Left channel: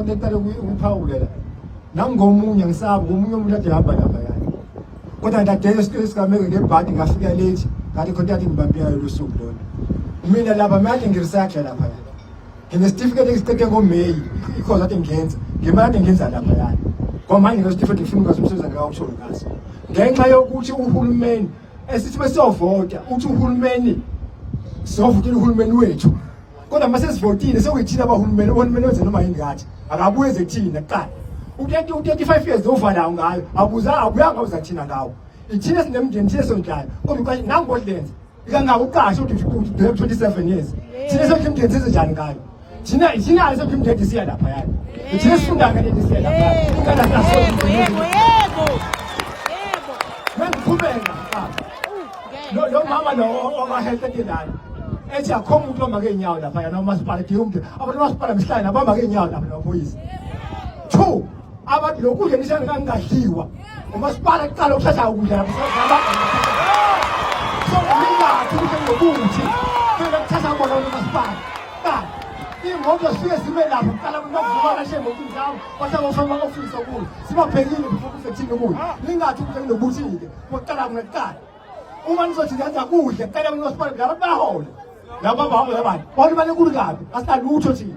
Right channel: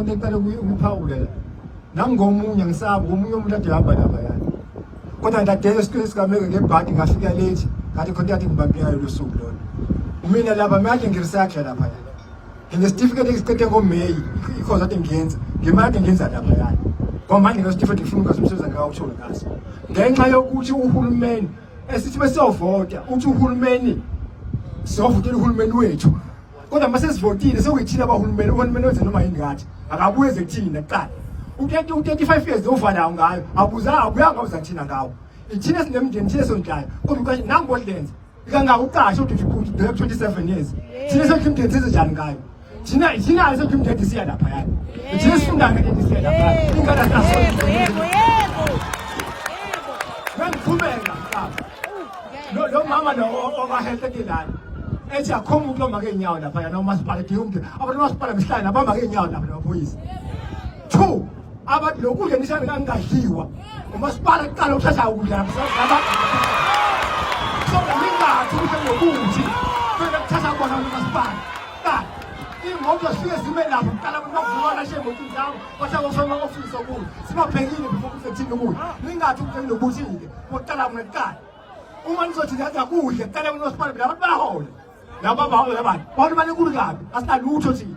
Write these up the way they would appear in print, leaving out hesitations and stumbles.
khona iqale ukuphawulela nangomunye ngisaba umunye umuntu ade hamba lapha yani kodwa ndadela isikole sikameke ngebhadi ngafika late ngathi khona yathi ngibambiyayo losuku lona mina lapha manje ngiresearch lapha yani nginesitifiketi esiqede ngoMay ikhoza ade ngiyenza ngemali ngenza lapha yani ngoba manje ngesitifiketi ngifuna ukuzomsebenza ngawutsho ngasi ngenxa yokuthi uhulumeni esithi besiyovota uthi uhulumeni siyovotela uhulumeni wethu kodwa mase sivotile sekuyithina abahulumeni uhulumeni wenze noma yini ngathi akabuye ezethina kuqala u-35 years ovalayo ngayo abuyanga uzathina ngawo ithina sinemndeni thina sondlayo kodwa nangolenza ikangaka uqashe uthi 27 years thina sekimndeni senze njani ngayo thina sekimndeni siya lapha yani thina sifunda ngeke siya lapha ingane yebo nangiqhubeka lo mama lo obahelete nayo ethi akho umuntu omake inyawo lapha yana umasipala diyumde abantu umasipala mhlanje abamake inyawo lapha nabaphoyisa 2 abantu lokudla nishane kangadliwa umasipala kuqala ukuthatha ukudla lapha so mingathi ukuthi phela kuthatha bona umasipala imoto siye sibe lapho kuqala ukuvuka kashe ngokuthi njalo kwathiwa ufema ofisa kuyo sibabhekile ukufethini kuyo ningathi ukuthi nokuthile kuqala kuqala uma nizothi ngenza kuhle kuqala umasipala labantu bahole laba bahola abantu bona bale kulu kabi asalutho thina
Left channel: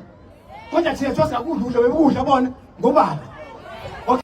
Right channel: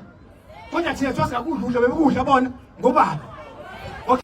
kodwa thina thosa kudla bebekudla bona ngobaba